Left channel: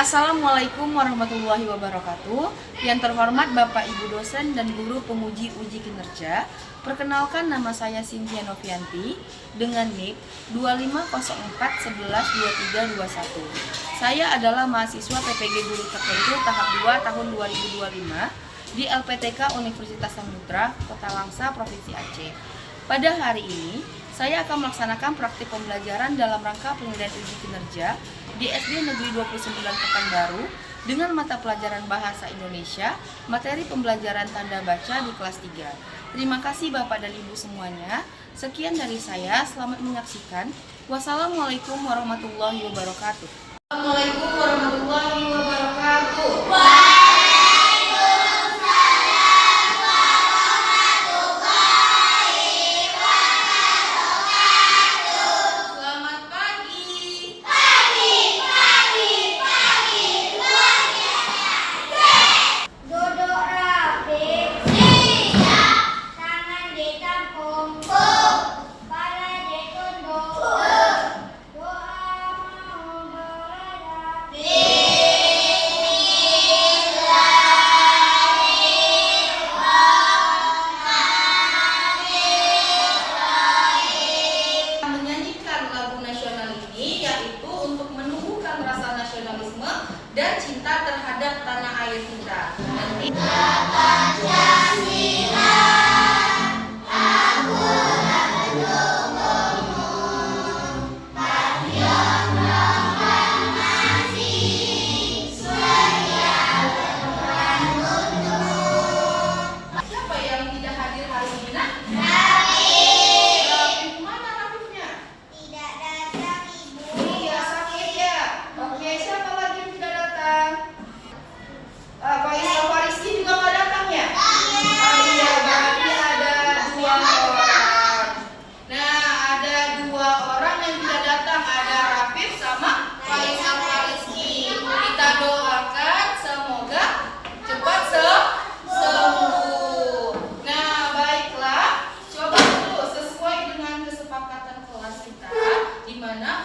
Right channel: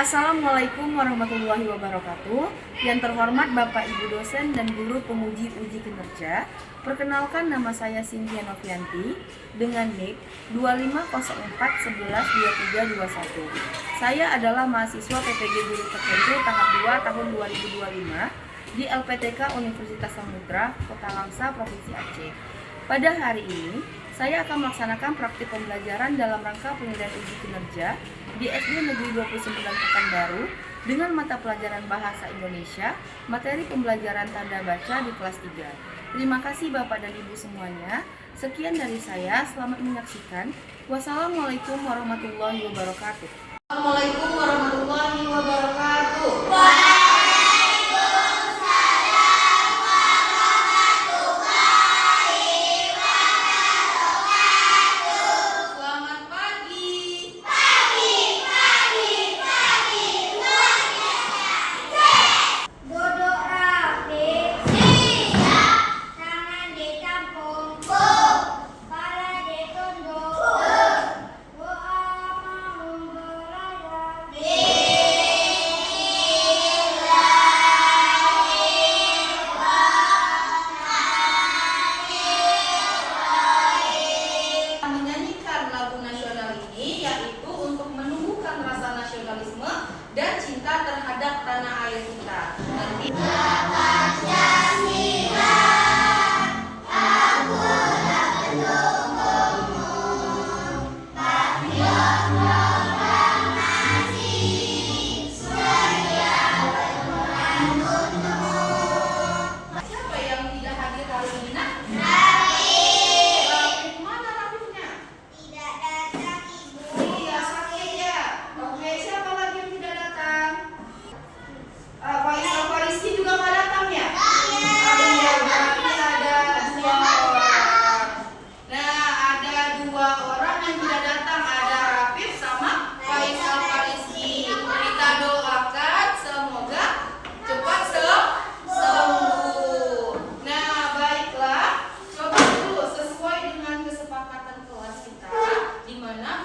Assalamualaikum warahmatullahi wabarakatuh. Yang terhormat Bapak Ibu dosen dan guru penguji uji kinerja, perkenalkan nama saya Cynthia Novianti dengan NIP 2504112321. Saya adalah mahasiswa PPG Guru Tertentu tahap 2 tahun 2025 di LPTK Universitas Samudra, Kota Langsa, Provinsi Aceh. Pada hari ini, saya akan melaksanakan praktik pembelajaran dalam rangka penilaian uji kinerja di SD Negeri 29 Pekanbaru dengan mata pelajaran Bahasa Indonesia, materi pembelajaran tanda baca di kelas 3. Terima kasih Bapak dan Ibu semuanya. Sekian dari saya, selamat menyaksikan. Wassalamualaikum warahmatullahi wabarakatuh. Assalamualaikum warahmatullahi wabarakatuh. Dan cinta terhadap tanah air kita. Siapa yang tidak hadir hari ini?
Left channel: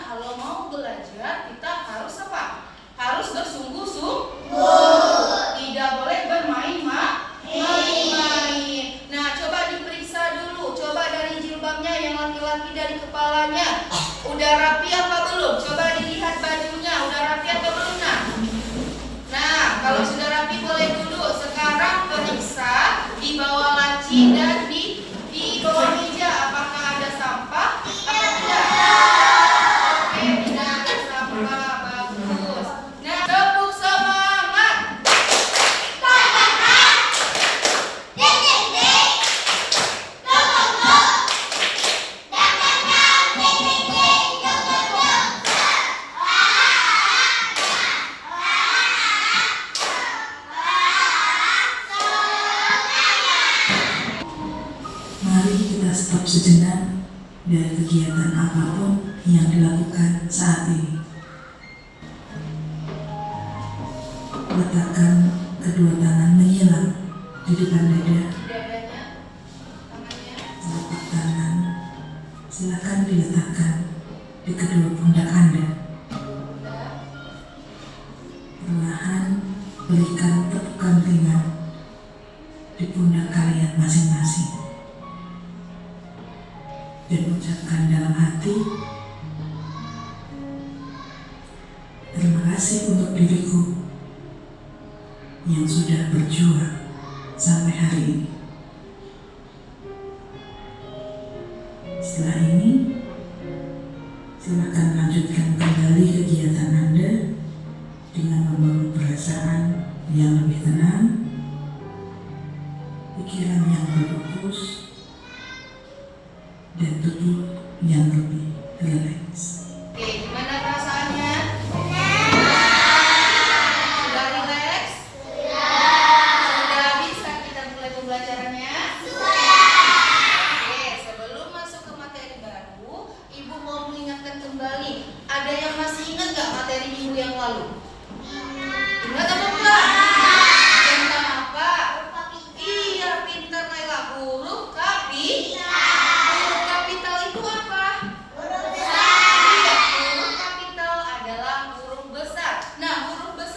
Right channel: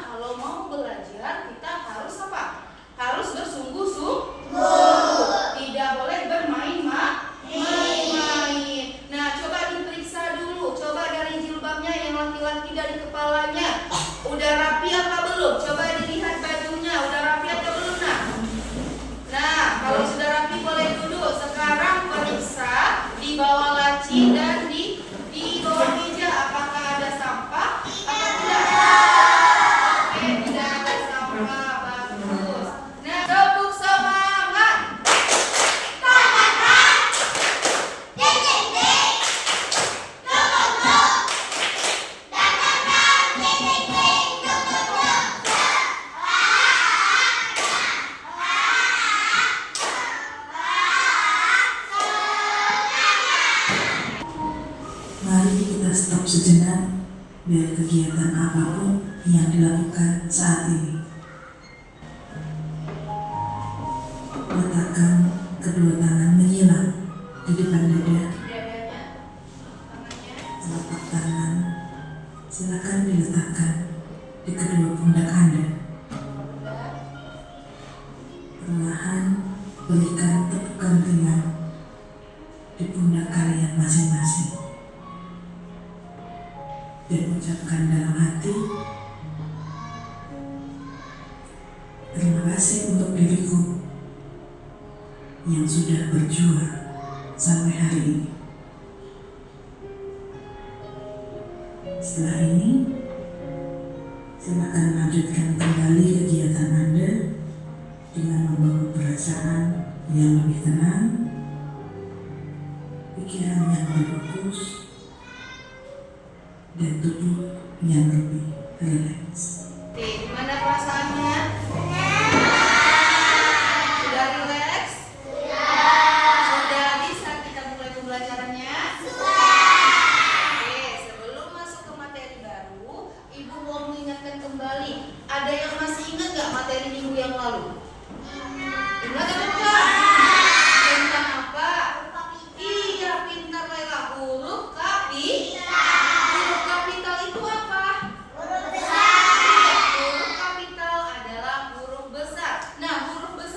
Kalau mau belajar kita harus apa? Harus bersungguh-sungguh. Tidak boleh bermain-main. Nah, coba diperiksa dulu. Coba dari jilbabnya yang laki-laki, dari kepalanya. Udah rapi apa belum? Coba dilihat bajunya. Udah rapi atau belum? Nah, kalau sudah rapi boleh dulu. Sekarang periksa di bawah laci dan di bawah meja. Apakah ada sampah? Apa tidak? Mari kita stop sejenak dari kegiatan apapun yang dilakukan saat ini. Letakkan kedua tangan menyilang di depan dada. Telapak tangan silakan diletakkan di kedua pundak Anda. Perlahan berikan tepukan ringan di pundak kalian masing-masing. Dan ucapkan dalam hati, terima kasih untuk diriku yang sudah berjuang sampai hari ini. Setelah ini, silakan lanjutkan kembali kegiatan Anda dengan membangun perasaan yang lebih tenang, pikiran yang berfokus, dan tubuh yang lebih rileks. Oke, gimana perasaannya? Sudah rileks? Sudah bisa kita mulai pembelajarannya? Oke, sebelum masuk ke materi baru, Ibu mau mengingatkan kembali. Ada yang masih ingat nggak materi minggu yang lalu? Ingat atau enggak? Tentang apa? Iya, pintar Laila. Huruf kapital. Huruf kapital itu apa? Huruf besar. Iya, huruf kapital adalah huruf besar. Nah, huruf besar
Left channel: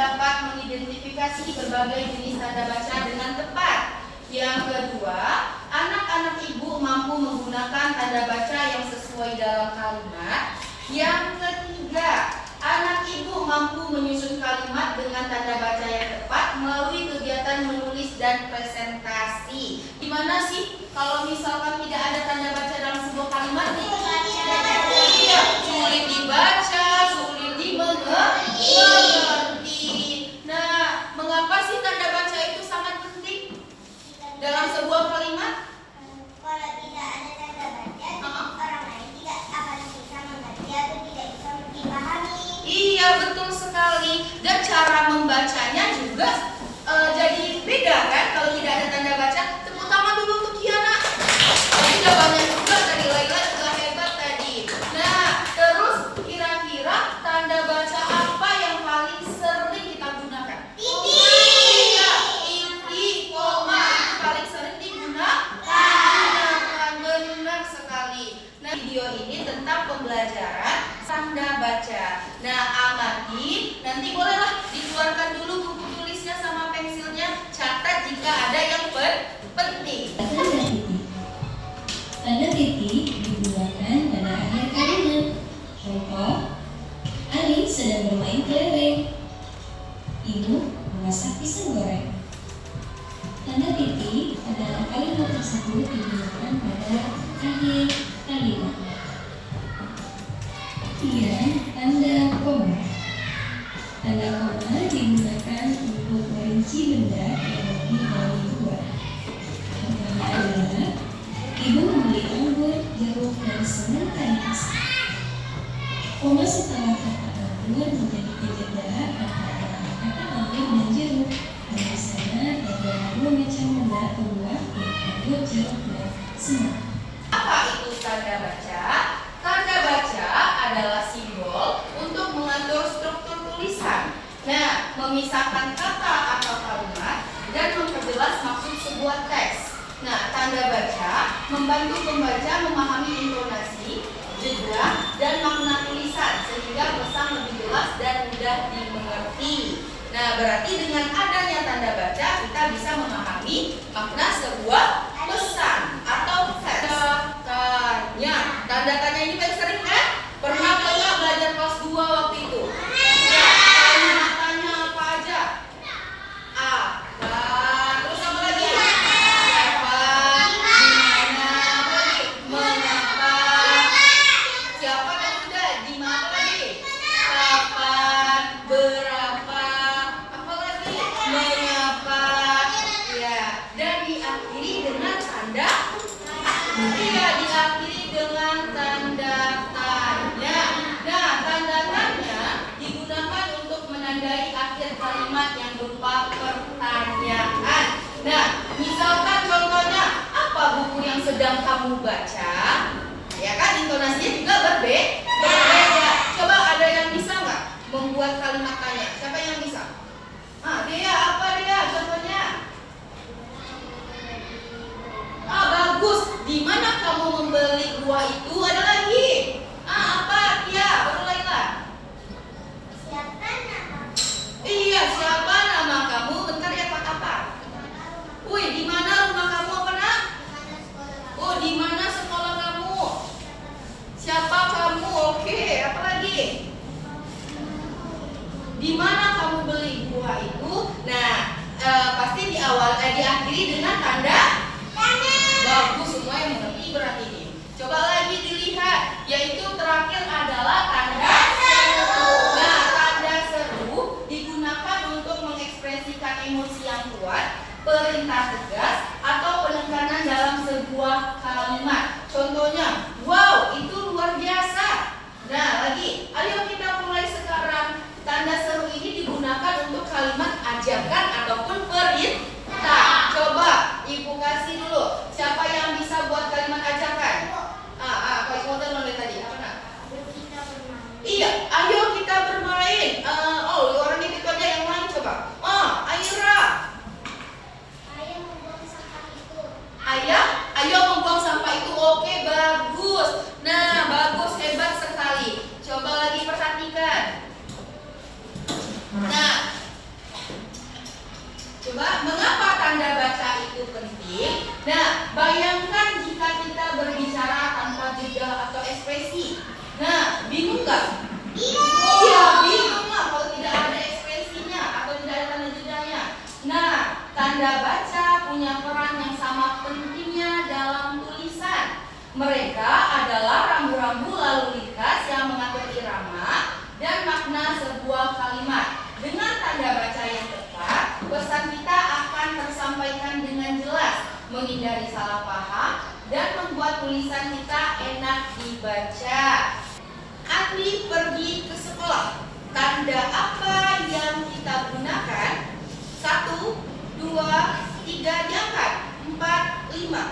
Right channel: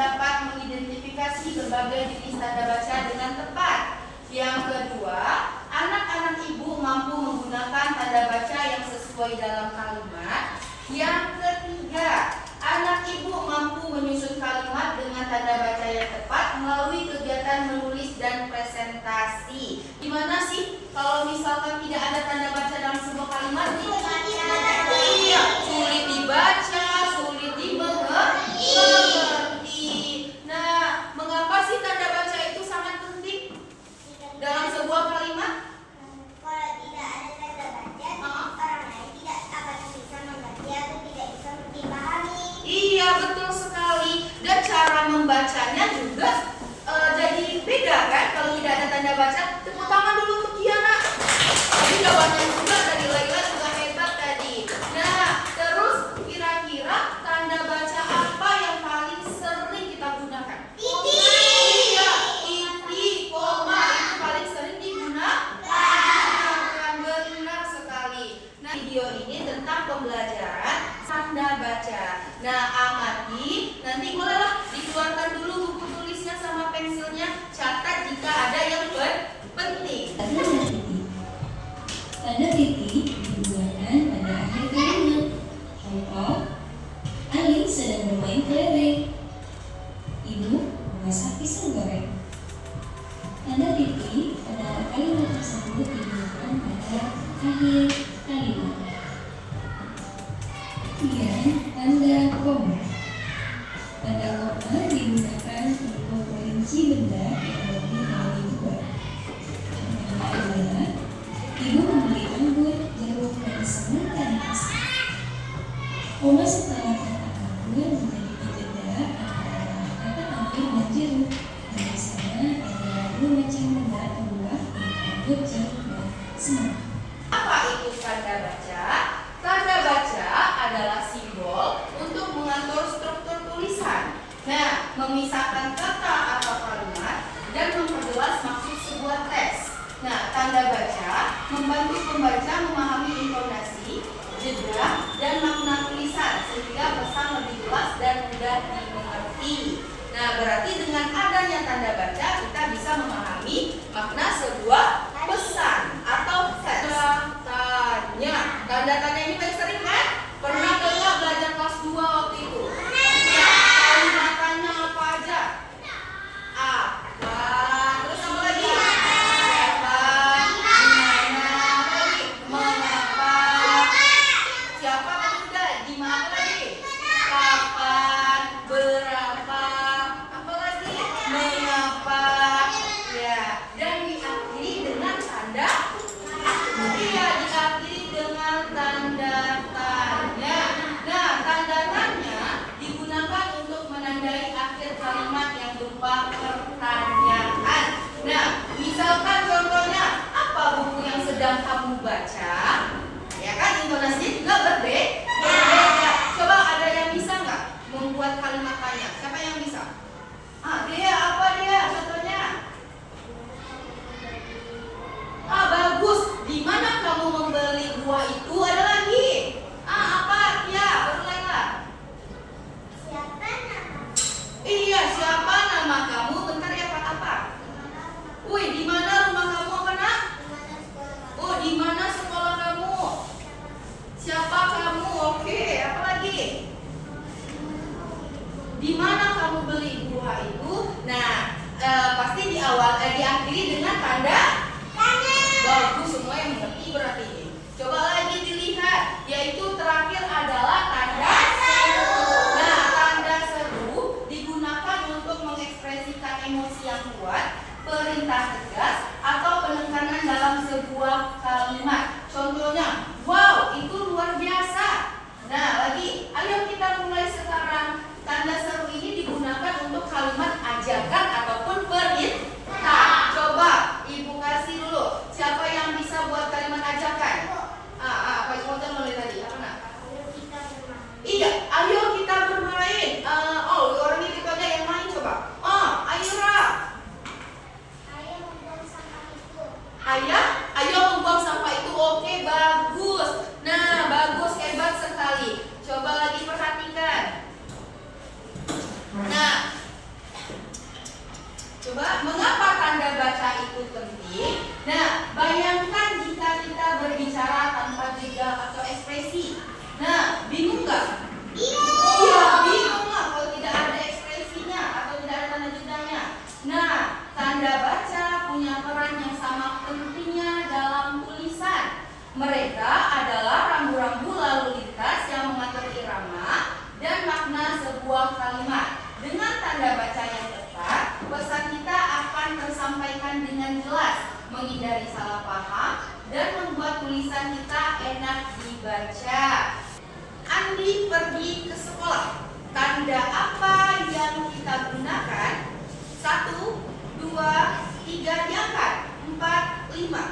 dapat mengidentifikasi berbagai jenis tanda baca dengan tepat. Yang kedua, anak-anak ibu mampu menggunakan tanda baca yang sesuai dalam kalimat. Yang ketiga, anak ibu mampu menyusun kalimat dengan tanda baca yang tepat melalui kegiatan menulis dan presentasi. Gimana sih kalau misalkan tidak ada tanda baca dalam sebuah kalimat? Iya, sulit dibaca, sulit dimengerti. Nah, mengapa sih tanda baca itu sangat penting dalam sebuah kalimat? Kalau tidak ada tanda baca, orang lain tidak akan bisa mengerti atau tidak bisa dipahami. Iya, betul sekali. Dan cara membacanya juga jadi beda kan kalau tidak ada tanda baca. Tepuk tangan dulu untuk Kiana. Tadi udah banyak juga dari Laila juga hebat tadi. Nah, terus kira-kira tanda baca apa yang paling sering kita gunakan? Iya, titik, koma itu paling sering digunakan. Benar sekali. Nah, video ini tentang pembelajaran tanda baca. Nah, amati, nanti bolehlah dikeluarkan dulu buku tulisnya sama pensilnya. Catat jika ada yang penting. Tanda titik digunakan pada akhir kalimat. Contoh, Ali sedang bermain kelereng. Ibu memasak pisang goreng. Tanda titik pada kalimat tersebut digunakan pada akhir kalimat. Kemudian tanda koma. Tanda koma digunakan untuk merinci benda yang lebih dari dua. Contohnya adalah ibu membeli anggur, jeruk, dan semangka di pasar. Koma setelah kata anggur menjadi jeda antara kata anggur dan jeruk. Dan di sana ada dua macam benda atau buah, yaitu anggur, jeruk, dan semangka. Apa itu tanda baca? Tanda baca adalah simbol untuk mengatur struktur tulisan. Nah, memisahkan kata atau kalimat dan memperjelas maksud sebuah teks. Nah, tanda baca membantu pembaca memahami intonasi, jeda, dan makna tulisan sehingga pesan lebih jelas dan mudah dimengerti. Nah, berarti dengan adanya tanda baca kita bisa memahami makna sebuah pesan atau teks. Tanda tanya ini paling sering kan? Pernah nggak belajar kelas 2 waktu itu? Ya, kalimat tanya apa aja? Apa? Terus apa lagi? Siapa? Dimana? Apa lagi? Mengapa? Siapa kan sudah? Di mana lagi? Kapan? Berapa? Apa lagi? Mengapa? Ya, dan diakhiri dengan tanda. Iya, diakhiri dengan tanda tanya. Nah, tanda tanya digunakan untuk menandai akhir kalimat yang berupa pertanyaan. Nah, misalkan contohnya, apa buku yang sedang kamu baca? Ya kan, intonasinya juga berbeda. Coba ada yang bisa nggak membuat kalimat tanya? Siapa yang bisa? Dia apa dia? Contohnya? Bagus. Di mana kamu membeli buah itu? Ada lagi. Apa? Ya, baru Laila. Siapa nama? Iya, siapa nama kamu? Bentar ya, Pak. Apa? Wih, di mana rumah kamu? Apa nak? Oh, di mana sekolah kamu? Siapa kamu? Oke, apa lagi? Di mana kamu beli buah itu? Nah, pasti diakhiri dengan tanda tanya. Bagus, semua yang mengerti berarti ini. Coba lagi dilihat, yaitu terakhir adalah tanda seru. Nah, tanda seru digunakan untuk mengekspresikan emosi yang kuat, perintah tegas, atau penekanan dalam sebuah kalimat. Contohnya, wow, itu luar biasa. Nah, lagi, ayo kita mulai sekarang. Tanda seru ini digunakan untuk kalimat ajakan ataupun perintah. Coba Ibu kasih dulu. Siapa yang bisa buat kalimat ajakan? Pak Ibu mulai tadi. Apa nak? Iya, ayo kita bermain. Orangnya itu aja yang main coba. Aira. Ayo nggak? Iya, bingung lah kalau tidak ada ekspresinya atau tidak ada tanda jedanya. Nah, tanda baca punya peran yang sama pentingnya dalam tulisan. Mereka adalah rambu-rambu lalu lintas yang mengatur irama dan makna sebuah kalimat. Dengan tanda baca yang tepat, pesan kita akan tersampaikan dengan jelas, menghindari salah paham, dan membuat tulisan kita enak dibaca. Andi pergi ke sekolah. Tanda apa yang kita gunakan? 1, 2, 3 diangkat. 4, 5.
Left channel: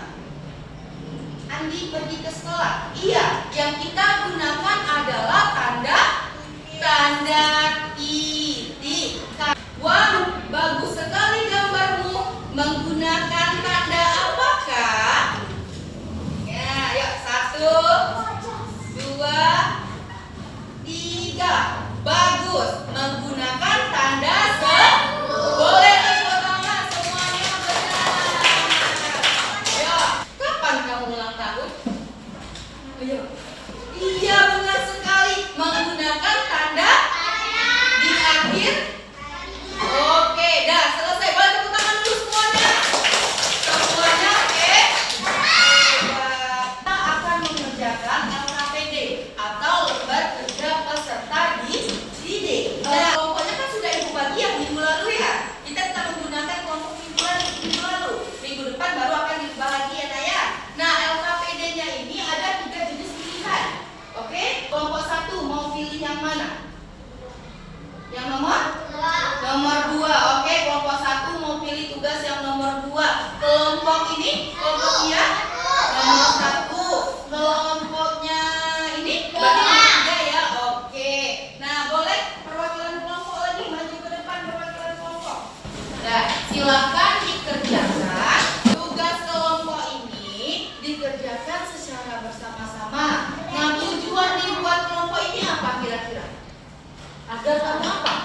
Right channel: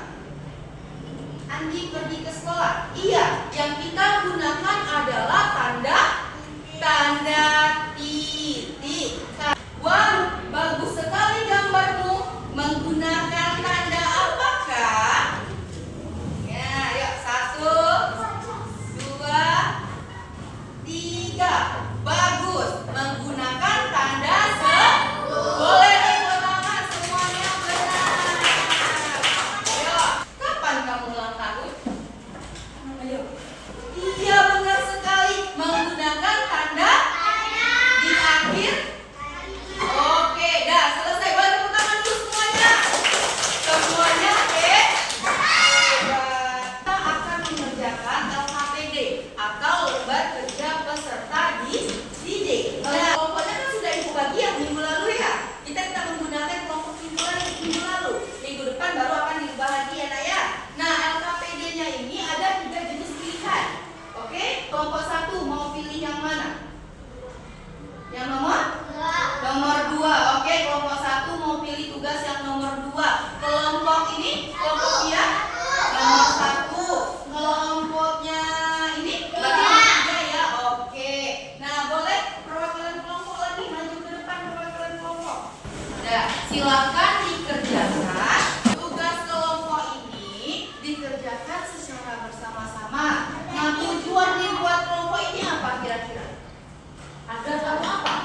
Andi pergi ke sekolah. Iya, yang kita gunakan adalah tanda titik. Wah, bagus sekali gambarmu. Menggunakan tanda apakah? Ya, yuk 1, 2, 3. Bagus. Menggunakan tanda boleh tepuk tangan semuanya benar. Ayo, kapan kamu ulang tahun? Ayo. Iya, benar sekali. Menggunakan tanda di akhir. Oke, dah selesai. Boleh tepuk tangan dulu semuanya. Semuanya oke? Kita akan mengerjakan LKPD atau lembar kerja peserta didik. Nah, kelompoknya kan sudah ibu bagi yang minggu lalu ya. Kita tidak menggunakan kelompok minggu lalu. Minggu depan baru akan diubah lagi ya, Naya. Nah, LKPD-nya ini ada 3 jenis pilihan. Oke, kelompok 1 mau pilih yang mana? Yang nomor 2. Oke, kelompok 1 mau pilih tugas yang nomor 2. Kelompok ini, kelompoknya nomor 1. Kelompoknya ini berarti nomor 3 ya. Oke. Nah, boleh perwakilan kelompok lagi maju ke depan, perwakilan kelompok. Nah, silakan dikerjakan. Tugas kelompok ini dikerjakan secara bersama-sama. Nah, tujuan dibuat kelompok ini apa kira-kira? Agar kamu apa?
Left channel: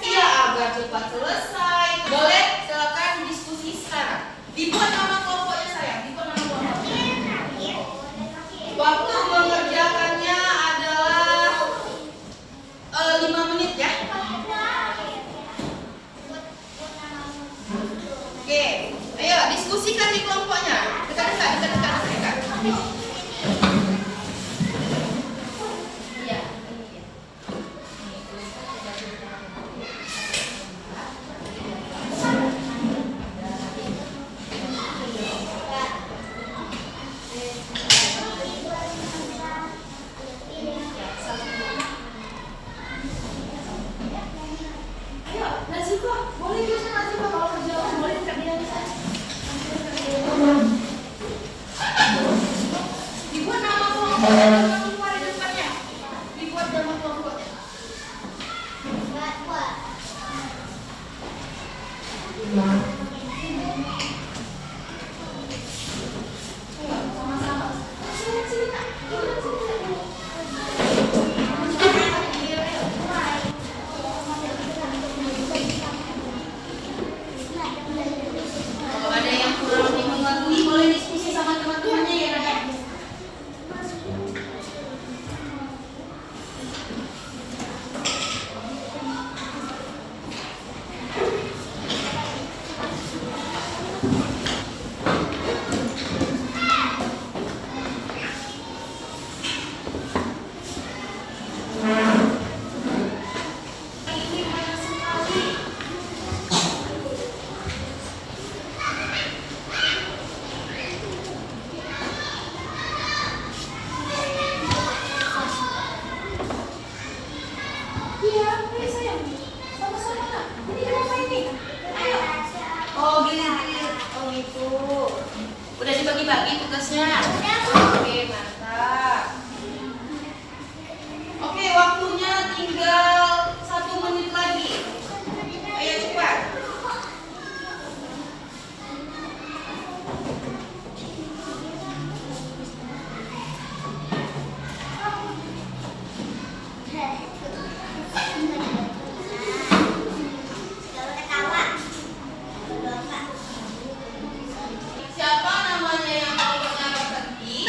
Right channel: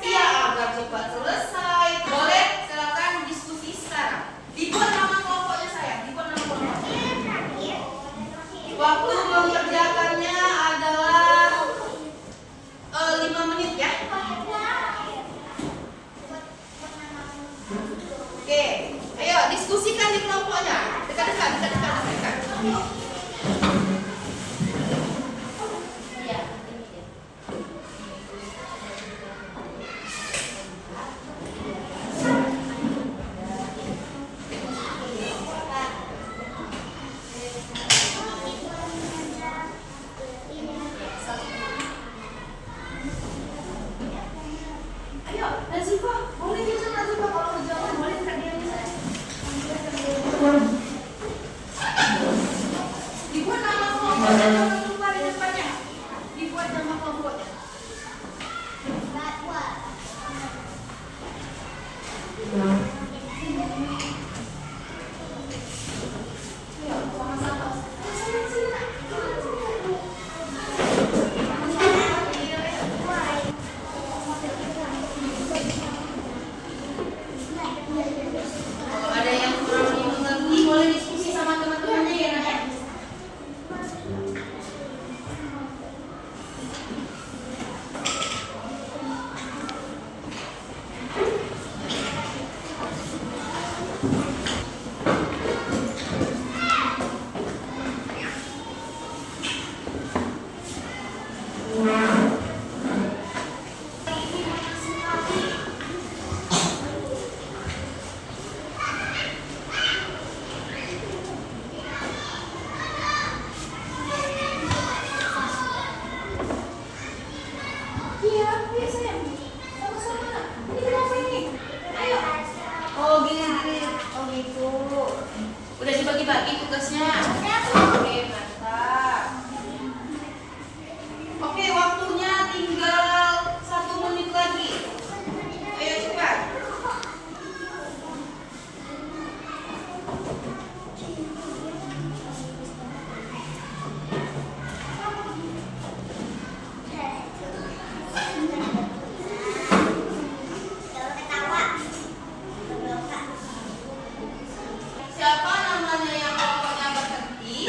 Iya, agar cepat selesai. Boleh, silakan diskusi sekarang. Dibuat nama kelompoknya sayang. Dibuat nama kelompoknya. Waktu mengerjakannya adalah 5 menit ya. Oke, ayo diskusikan di kelompoknya. Dekat-dekat. Iya, ini ya. Ayo, Nazifa, boleh kita Nazifa kalau kerjaan boleh tidak dia. Dibuat nama kelompoknya, nama kelompok di depannya. Dibuat nama kelompoknya. Ayo, sama-sama. Sini, Nak. Kalau ada yang kurang dimengerti, boleh diskusi sama teman-temannya ya, Nak. Ini banyak sekali. Iya, ayo sayang. Sama-sama Nak. Ini kenapa ini? Ayo. Oh, gini. Oh, gitu. Udah dibagi-bagi tugasnya? Oke, mantap. Oke, waktunya tinggal 1 menit lagi. Ayo cepat. Siapa namanya yang kelompoknya berhenti?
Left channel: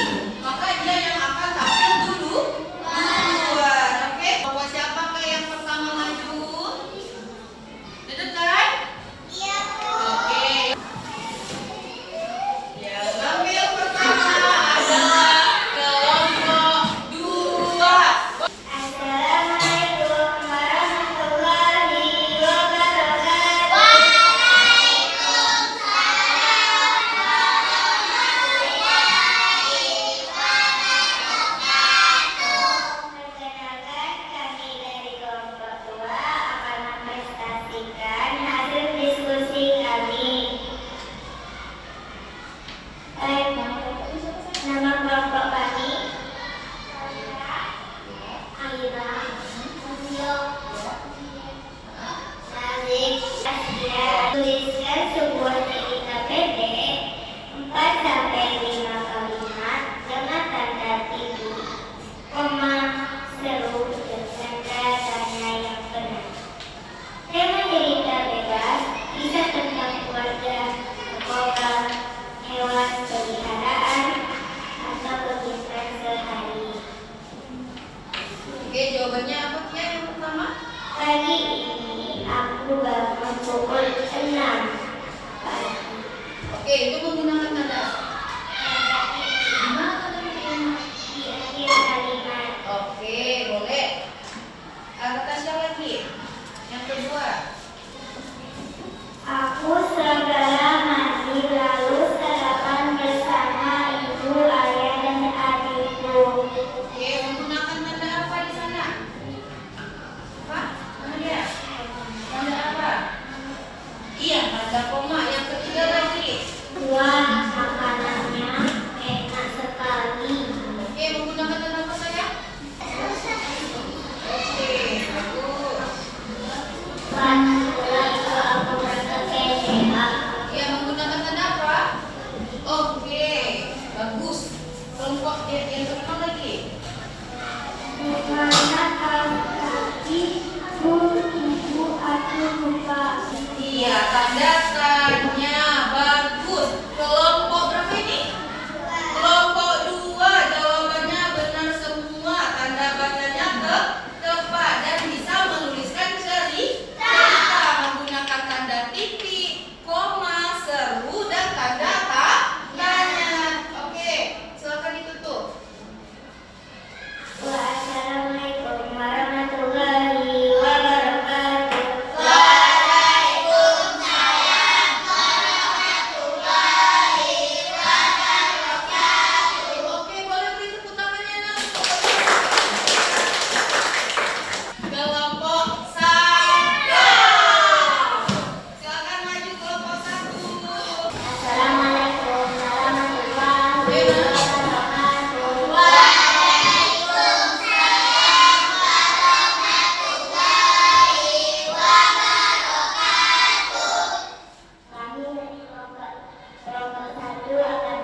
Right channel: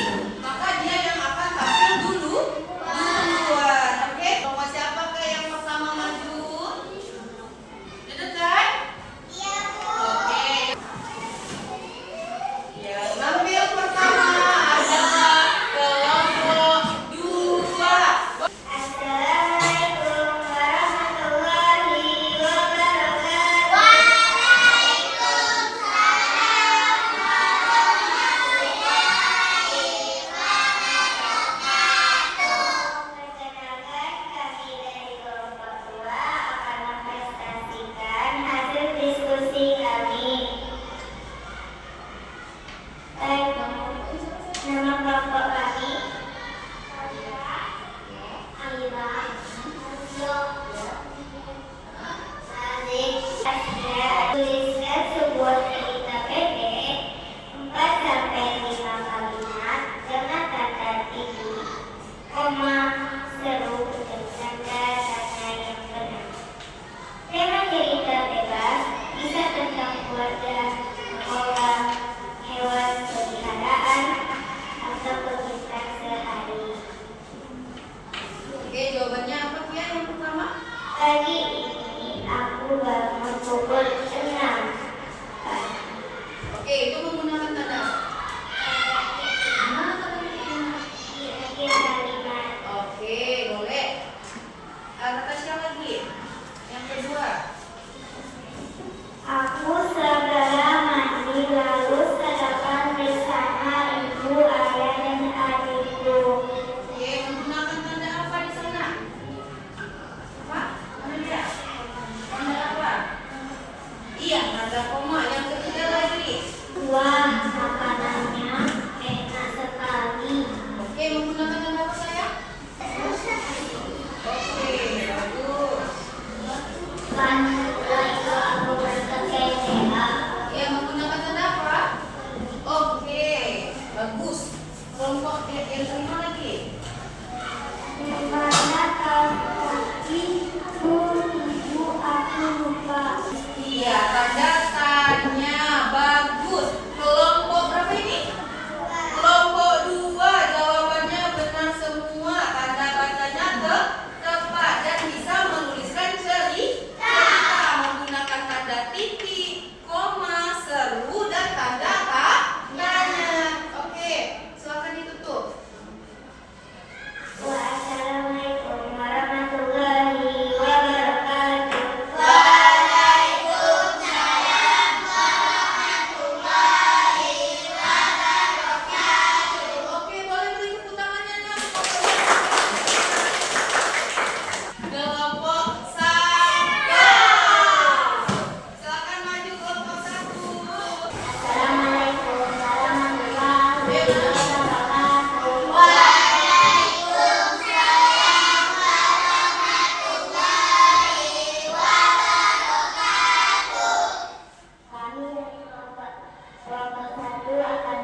seru dengan tanda yang benar. Tema cerita bebas, kisah tentang keluarga, sekolah, hewan peliharaan, atau kegiatan sehari. Oke, jawabannya apa Kia yang pertama? Pagi ini aku bangun pukul 6 pagi. Oke, itu menggunakan tanda apa? Gimana tandanya Kia? Di akhir kalimat. Oke, boleh. Kata siapa lagi? Yang kedua. Aku segera mandi lalu sarapan bersama ibu, ayah, dan adikku. Oke, menggunakan tanda apa di sana? Apa? Mana dia? Tanda apa? Iya, tanda koma. Yang ketiga lagi. Wah, makanannya enak sekali. Oke, menggunakan tanda apa saya? Oke, bagus. Setelah itu aku berangkat ke SMA. Iya, menggunakan tanda apa? Oke, bagus. Kelompok yang kelima lagi. Mana kaki ibu aku lupa. Iya, tanda tanya. Bagus. Kelompok berapa ini? Kelompok 2. Jawabannya benar semua. Tanda katanya tepat dan bisa menuliskan cerita menggunakan tanda titik, koma, seru, dan tanda tanya. Oke, silakan ditutup. Wassalamualaikum warahmatullahi wabarakatuh. Oke, boleh beri tepuk tangannya, Nak. Kelompok 1. Silakan maju kelompok 1. Assalamualaikum warahmatullahi wabarakatuh. Kami dari kelompok satu akan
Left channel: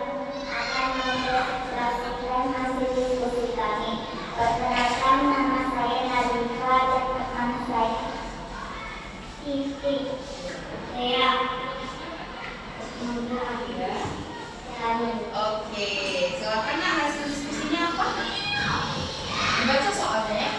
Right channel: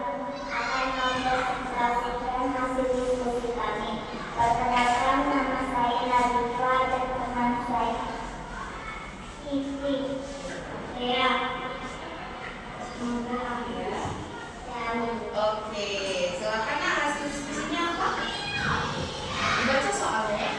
mempresentasikan hasil diskusi kami. Perkenalkan, nama saya Nadifa dan teman saya Siti. Ya. Semoga ya. Oke, silakan Nak, hasil diskusinya apa? Dibaca soalnya ya.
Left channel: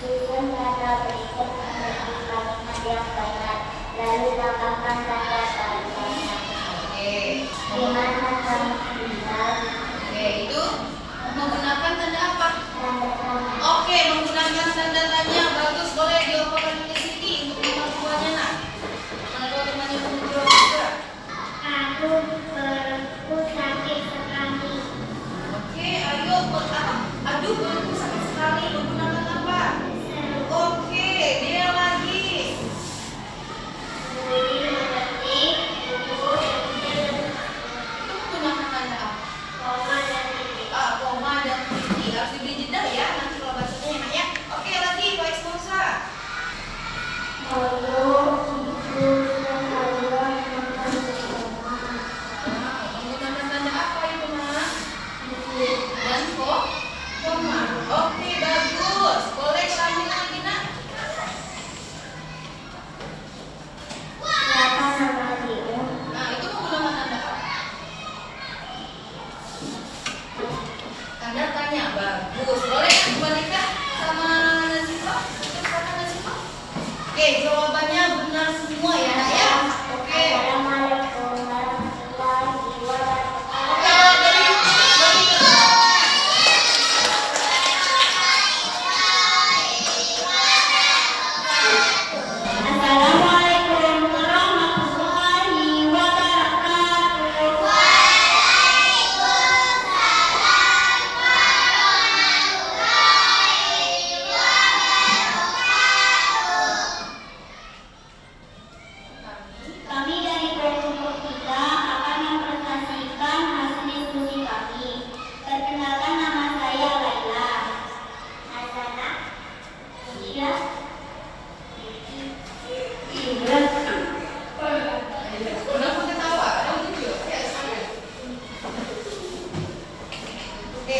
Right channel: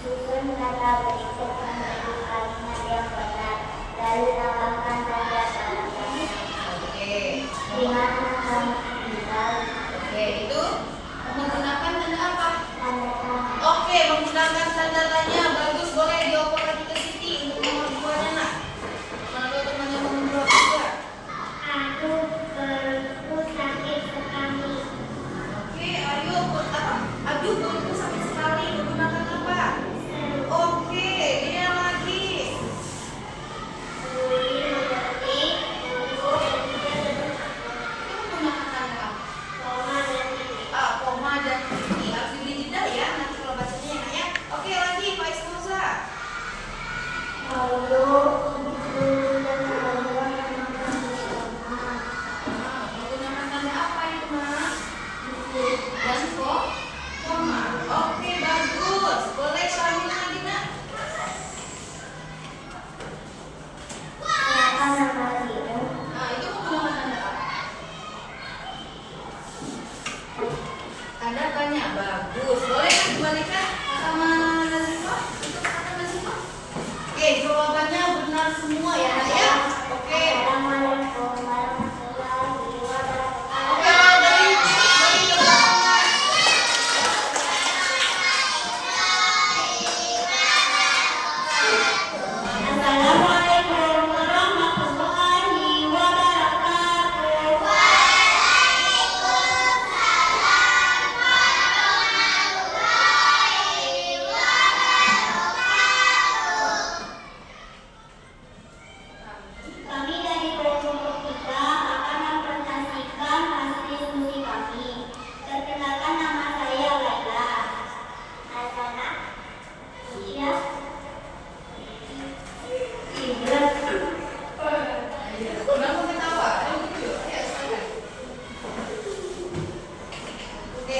Susun kata berikut menjadi kalimat yang benar, lalu tambahkan tanda tanya. Oke. Di mana kamu tinggal? Oke, itu menggunakan tanda apa? Tanda tanya. Oke, menggunakan tanda tanya. Bagus, boleh dioperkan ke Siti untuk kemampuannya, Nak. Kalau temannya menjawab juga. Aku perutku sakit sekali. Oke, ayo buat apa? Aduh, perutku sakit sekali. Menggunakan apa? Oke, dia lagi. Budi mengerti, buku dan Itu menggunakan tanda apa? koma dan titik. Koma dan titik. Harus diberi jeda ya, nanti kalau bacanya enak ya. Oke, lagi Pak Ismosa. Lalu ibu dan ayah makan bersama. Menggunakan tanda apa itu, Nak? Dan koma. Oke, bagus. Boleh kami lagi, Nak? Silakan nama ibu. Nah, itu menggunakan tanda apa? Tanda tanya. Bagus. Boleh kan dibalikan sama Nazifah? Untuk kata Nazifah? Oke, jawabannya benar semua ya, Nak ya. Oke. Assalamualaikum warahmatullahi wabarakatuh. Oke, dari kelas. Assalamualaikum warahmatullahi wabarakatuh. Kami dari kelompok 3 akan mempresentasikan hasil diskusi kami. Perkenalkan, nama saya Laila. Asana. Iya. Kenapa ketawa? Oh, gitu ya? Ya, silakan. Oke,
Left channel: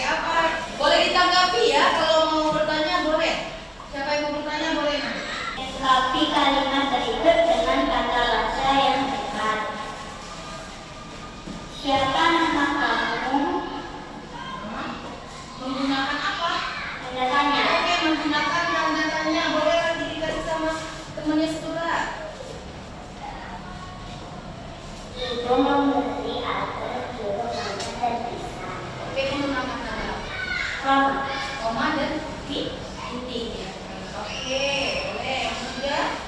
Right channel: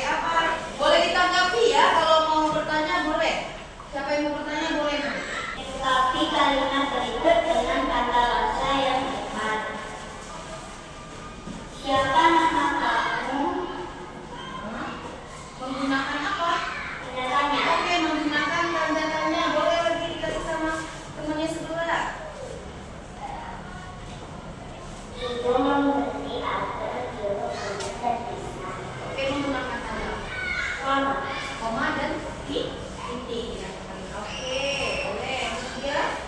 titik ya. Oke, boleh. Kemudian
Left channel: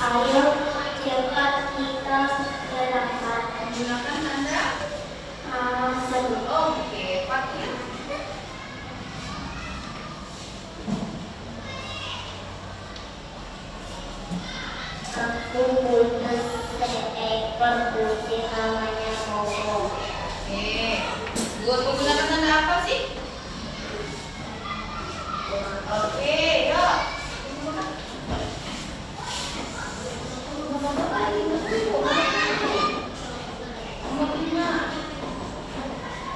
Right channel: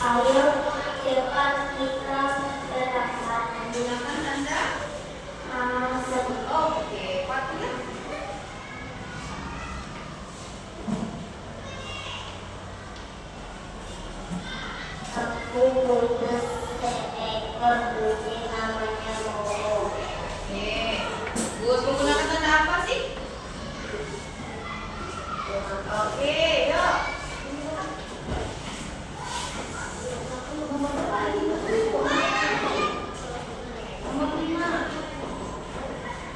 Ayo cepat kita berangkat. menggunakan tanda Sebut. oke, Fatia. Aku butuh seekor kucing namanya Momo. Oke. Buat menggunakan tanda apa sih? Oke, yuk. Nomor 5.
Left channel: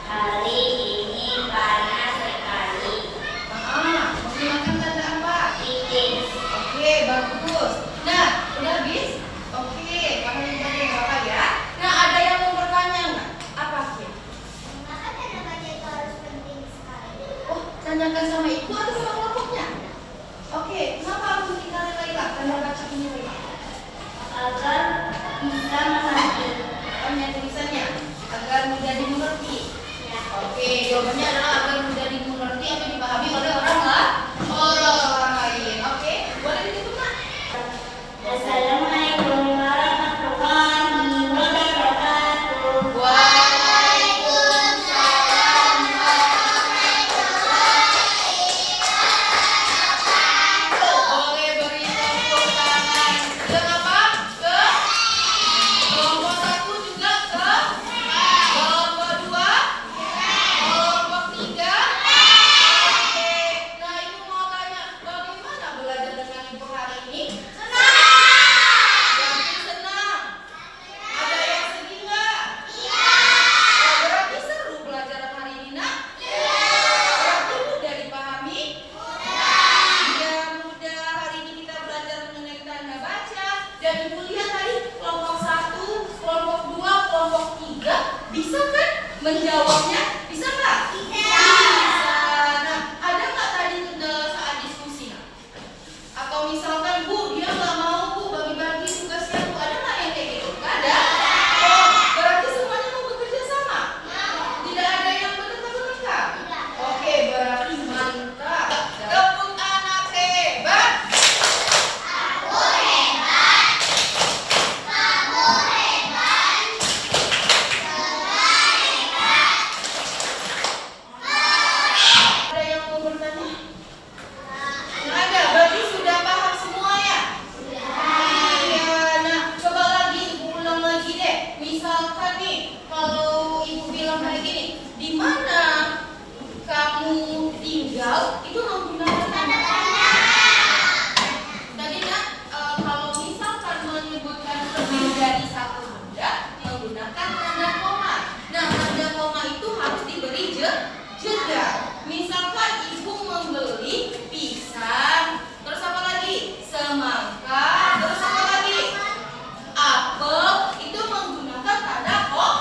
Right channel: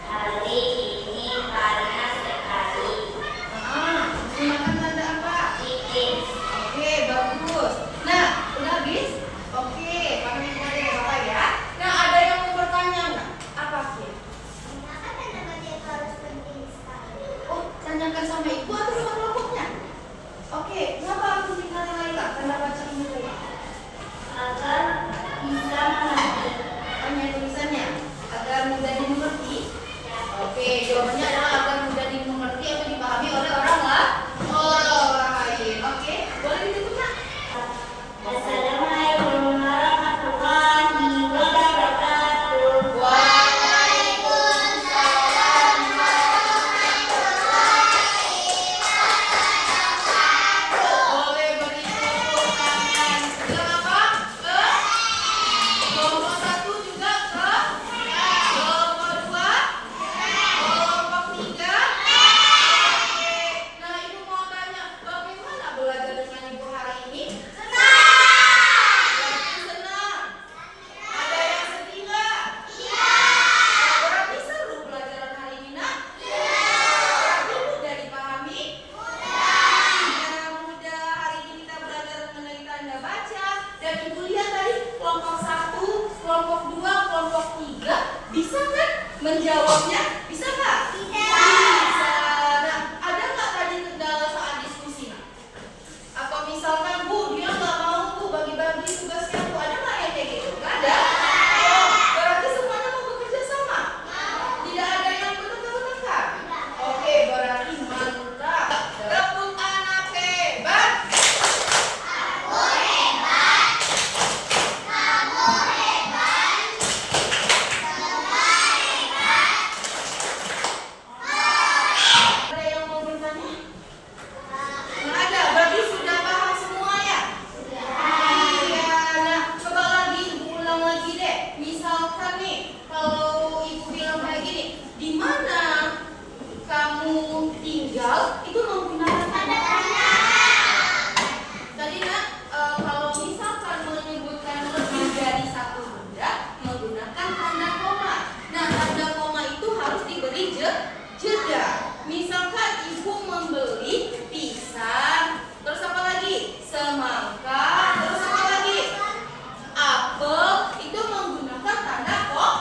Hari ini panas sekali. Menggunakan tanda apa? Titik. Oke, bagus. Nah, udah habis? Oke, kami boleh Bapak ya. Nah, ada yang mau bertanya nggak? Apa sih? Maka tanda baca itu harus penting sekali. Oh, tanyakan sama ibu atau sama kelompoknya? Oke, kenapa harus dikasih Laila? Tanda baca ini Laila. Agar bisa mengerti. Hanya tulisannya agar mudah dimengerti. Oke, jawabannya adalah agar mudah dimengerti atau dipahami oleh orang lain. Oke, boleh ditutup nak? Assalamualaikum warahmatullahi wabarakatuh. Waalaikumsalam. Boleh beri tepuk tangan. Dan apa? Ke kelompok 1 juga ke kelompok 2, kelompok 3. Oke. Nah, ibu mau tanya, bagaimana belajar dengan ibu hari ini? Yakin senang? Ada yang sedih nggak? Oh, berarti seru pelajaran hari ini nak? Berarti mudah dipahami? Ya, mudah. Hari ini kita belajar mengenai tanda baca. Dan ibu lihat tadi kelompok 1, kelompok 2, kelompok 3 bisa kan menjawabnya? Bisa nggak? Bisa. Nah, ada nggak tadi kendala saat diskusi nak? Atau misalkan Bu, dia nggak mau Bu bagi-bagi tugasnya Bu, ada nggak yang kayak gitu? Nggak ada. Oh, berarti semuanya mau bekerja sama? Tidak ada yang bertengkar-tengkar? Oke, berarti mantap. Tepuk anak hebat. Ada yang mau bertanya? Nggak ada, berarti sudah paham semua ya? Iya, nah coba lagi ibu ulang lagi deh. Misalkan nih, kalau ibu bilang kayak gini, di mana kamu tinggal itu menggunakan tanda koma. Tadi nak, kalau misalkan menyebutkan lebih dari satu benda menggunakan tanda koma. Nah, tanda koma itu harus diberi jeda. Misalkan ibu membeli pisang, terus apa lagi? Semangka, terus apa lagi? Apel, itu menggunakan tanda koma.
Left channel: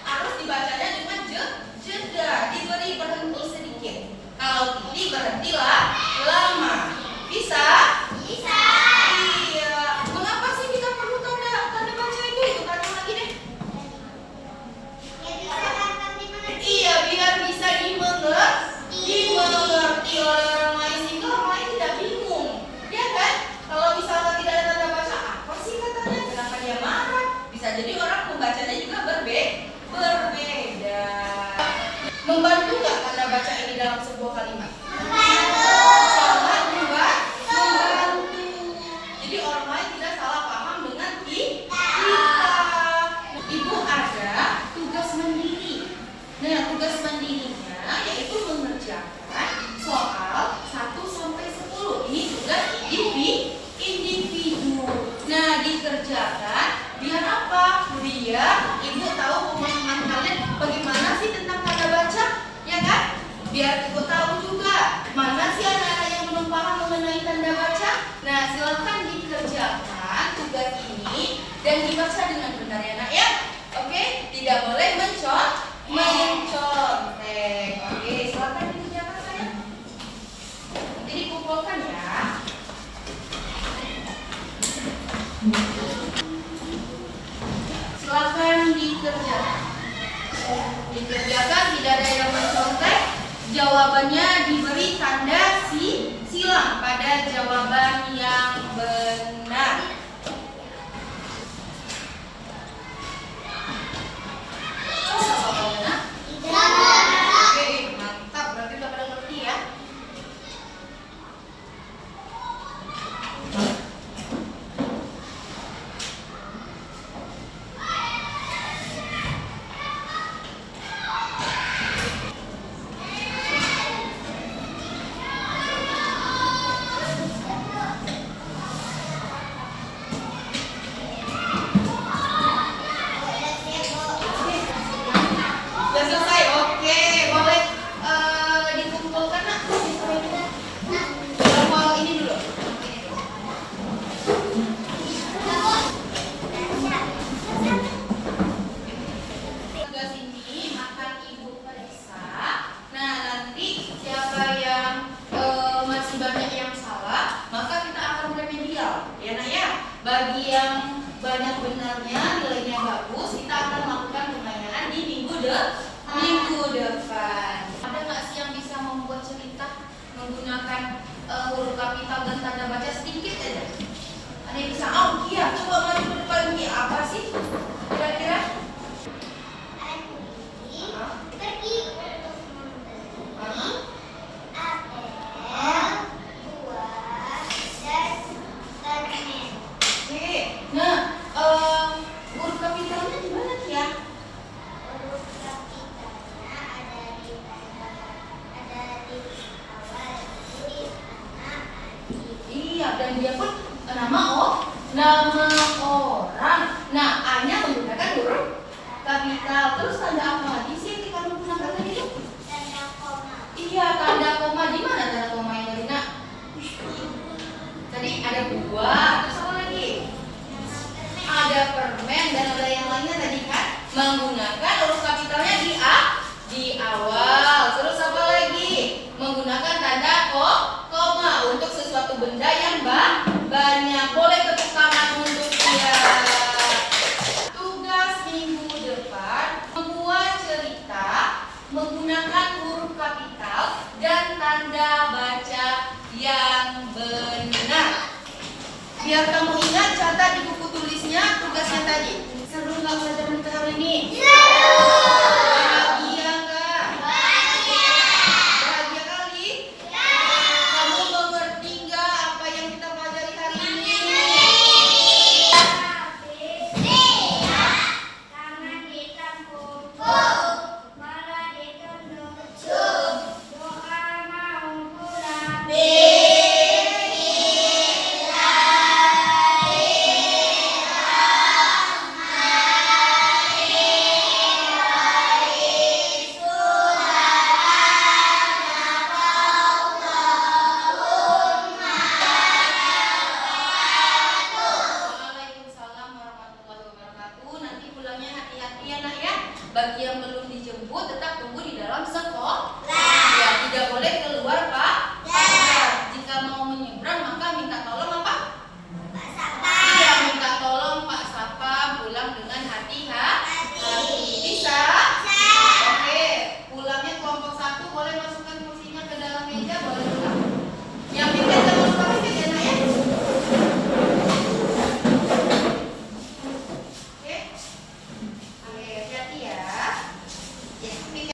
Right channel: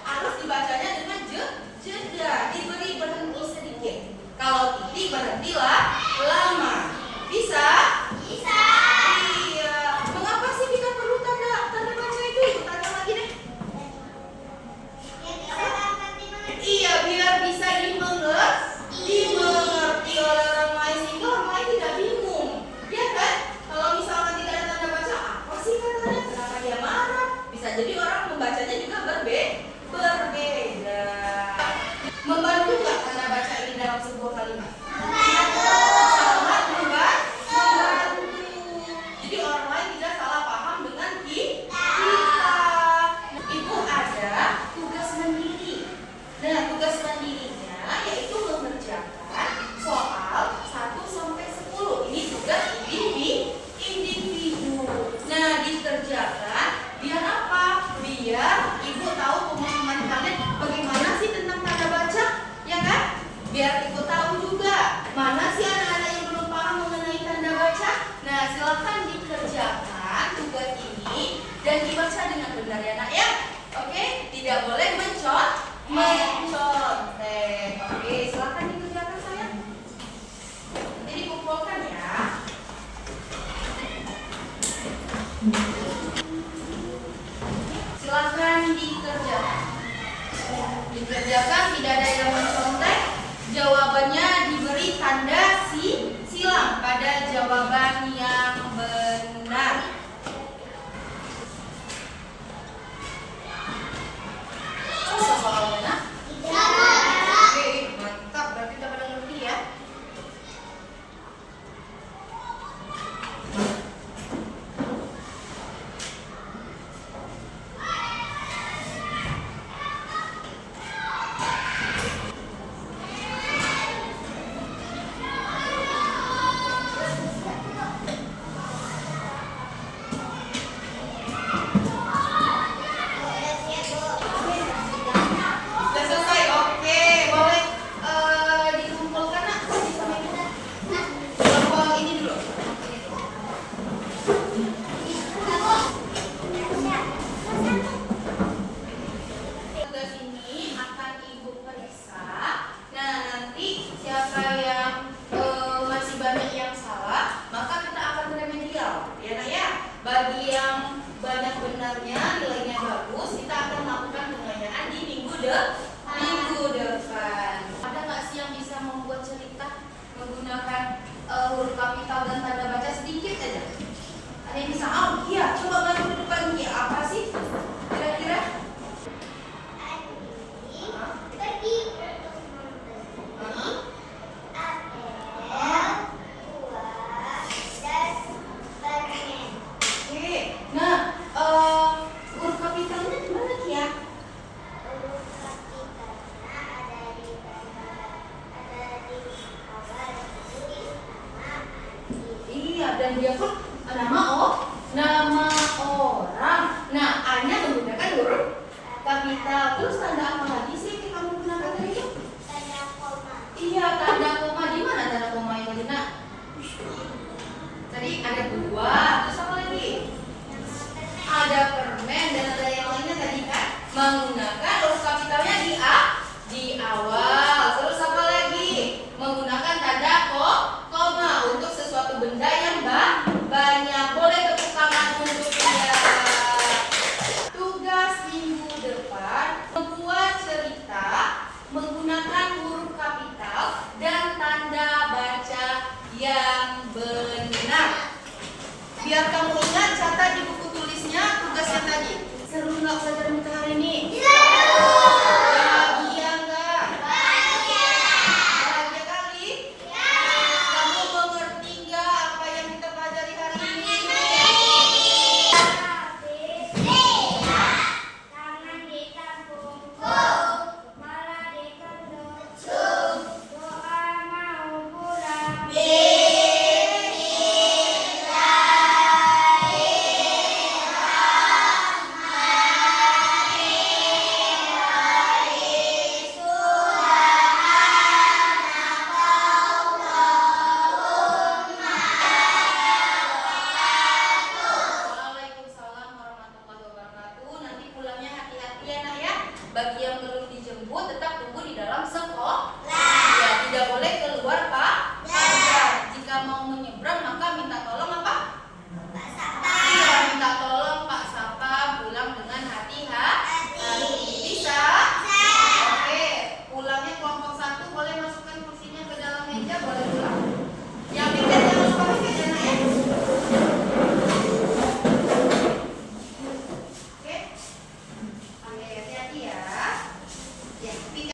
Harus dibacanya dengan jeda, diberi berhenti sedikit. Kalau titik berhentilah lama. Bisa? Bisa. Iya. Mengapa sih kita perlu tanda baca itu? Ibu tanya lagi deh. Ya bisa dapat dimengerti. Iya, biar bisa dimengerti oleh orang lain sehingga orang lain tidak bingung. Ya kan? Kalau misalkan tidak ada tanda baca, apa sih katanya? Kenapa dia marah? Bisa jadi orang membacanya juga berbeda. Membantu nggak tanda baca ini dalam sebuah kalimat? Sangat membantu. Jadi orang lain tidak salah paham dengan kita. Ibu ada tugas mandiri. Nah, tugas mandirinya yaitu mengerjakan soal 1 sampai 10. Ini tugas individu. Nah, dikerjakan biar apa? Biar ibu tahu pemahaman kalian bagaimana sih tentang tanda baca, ya kan? Biar ibu tahu juga mana sih anak-anak yang belum paham mengenai tanda baca. Nah, silakan dikerjakan tugas ini dan dibaca dengan benar ya nak ya. Oke, tidak boleh mencontek. Oke, silakan dikerjakan sayang. Nanti dikumpulkan ya. Silakan dikerjakan. Dikerjakan, tidak ada yang mencontek. Jawabannya diberi tanda kapital dan tanda baca sedikit aja. Ada yang bisa? Oh iya, coba maju ke depan Ki. Apa sih kira-kira? Pergi untuk membeli apel, buah, dan permen. Oke. Nah, huruf kapitalnya di mana Ki ya? Huruf kapitalnya ada di awal, di nama Anji. Iya, dan dia pun nama orang. Nah, A-nya menggunakan huruf kapital. Terus tanda apa lagi sih yang kamu gunakan tadi itu? Tanda koma. Iya, tanda koma. Di mana tanda koma yang tadi nak? Tadi ada buah, terus apa lagi? Ada permen dan ada yang lainnya tadi kan? Menggunakan huruf kapitalnya di awal. Terus apa lagi? Menggunakan tanda koma untuk sesuatu benda yang banyak. Boleh tepuk tangan untuk dia. Tugas minggu depan membuat cerita menggunakan huruf kapital dan tanda baca yang benar. Biar kamu ingat, catat di buku tulisnya tugasnya tadi. Seru nggak pelajaran kita hari ini?